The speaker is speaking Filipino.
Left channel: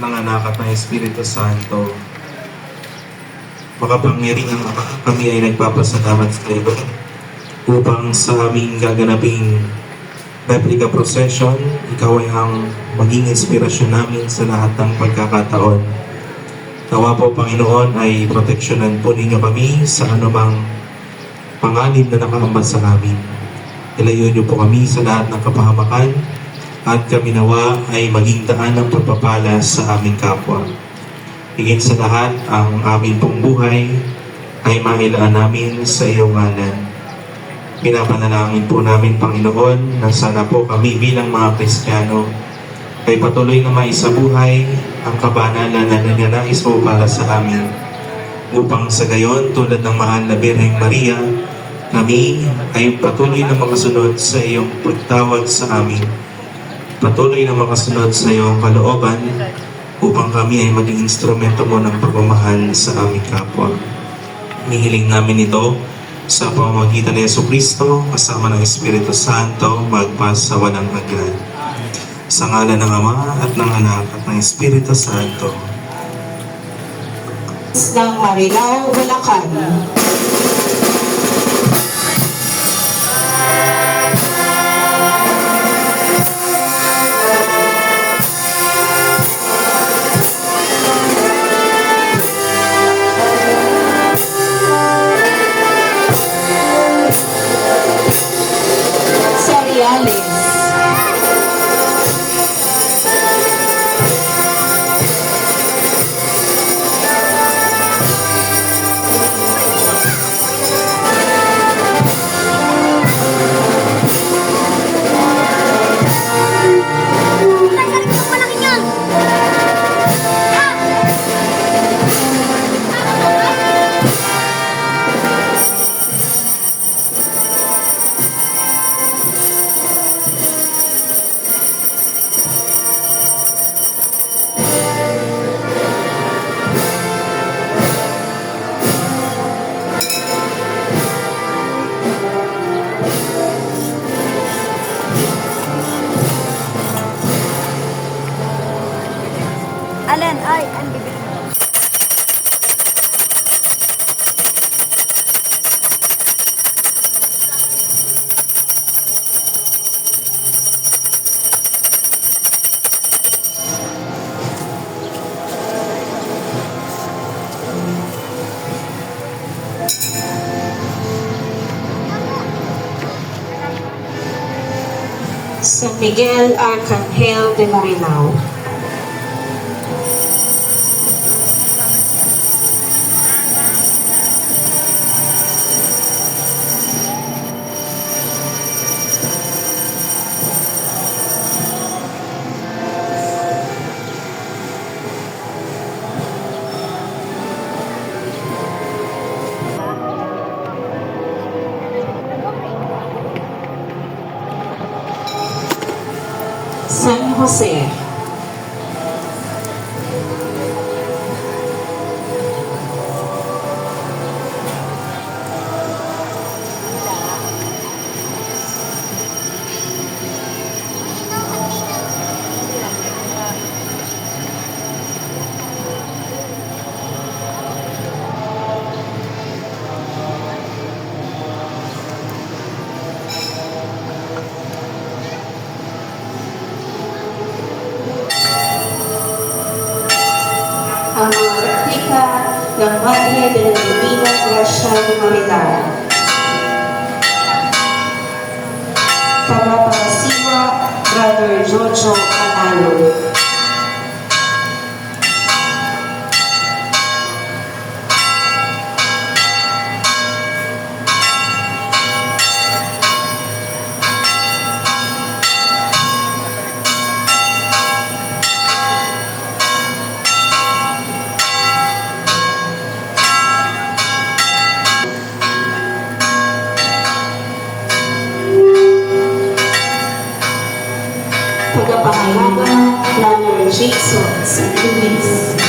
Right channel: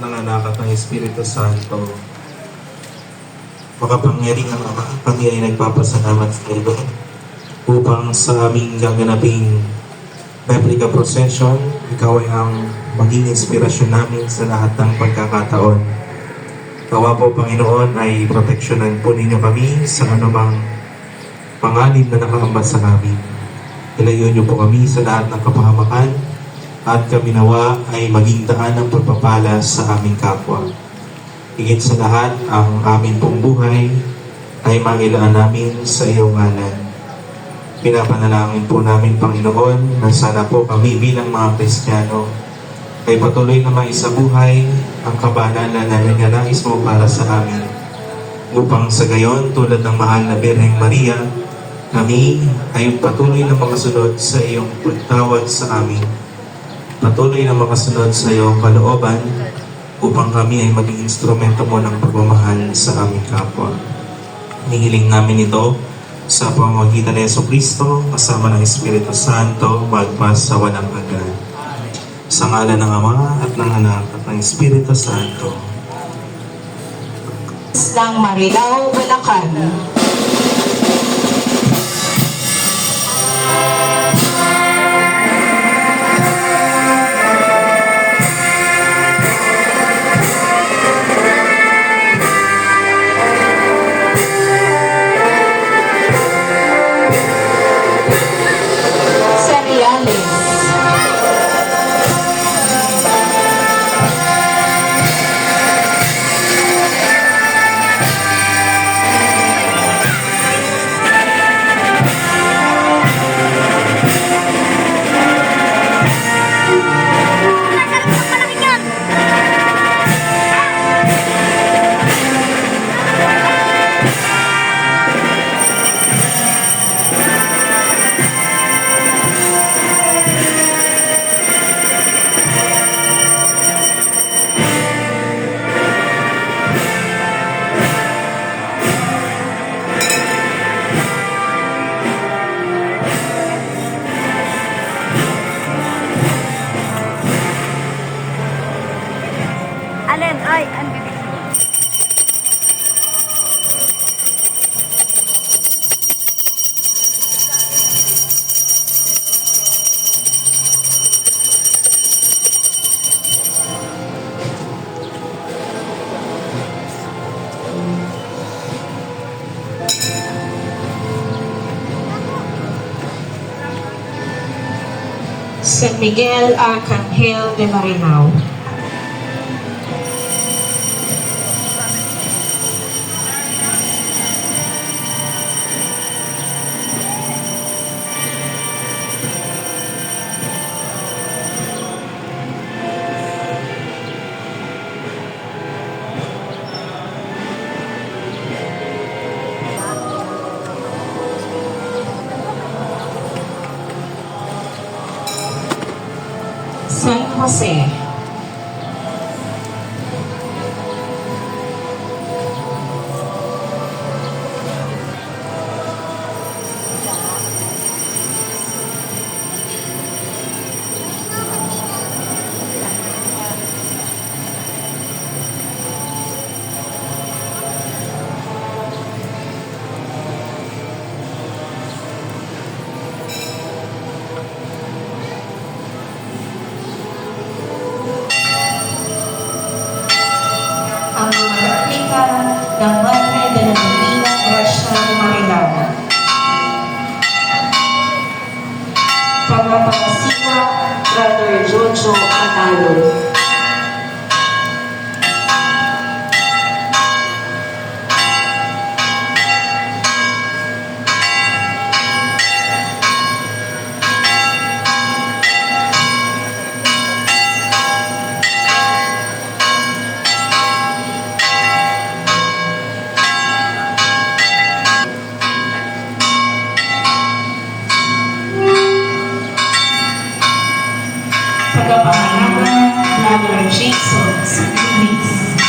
ng Anak at ng Espiritu Santo. Makapangyarihang Ama, kami ay nagpapasalamat sa iyo upang sa aming gaganaping replica procession, ikaw ay ang maging inspirasyon namin sa lahat ng pagkakataon. Nawa po, Panginoon, ay proteksyonan po ninyo kami sa anumang panganib na nakahambat sa amin. Ilayo niyo po kami sa lahat ng kapahamakan at kami nawa ay maging daan ng pagpapala sa aming kapwa. Higit sa lahat, ang aming pong buhay ay mailaan namin sa iyong ngalan. Pinapanalangin po namin, Panginoon, na sana po kami bilang mga Kristiyano ay patuloy na maisabuhay ang kabanalan na ninanais mo para sa amin. Upang sa gayon, tulad ng mahal na Birheng Maria, kami ay patuloy na makasunod sa iyong pagtawag sa amin. Patuloy na makasunod sa iyong kalooban upang kami ay maging instrumento mo ng pagmamahal sa aming kapwa. Hinihiling namin ito sa pamamagitan ni Jesucristo kasama ng Espiritu Santo magpas sa walang hanggan. Sa ngalan ng Ama at ng Anak at ng Espiritu Santo. Ng Marilao, Bulacan. Alan, oy, ang bibig mo. San Miguel Arcangel de Marilao. San Jose. Ang mga replika ng Madre de la Divina Gracia de Marilao. Tagapangasiwa, Brother Jojo Analo. Tagapangalaga, Brother Jason St. Luis.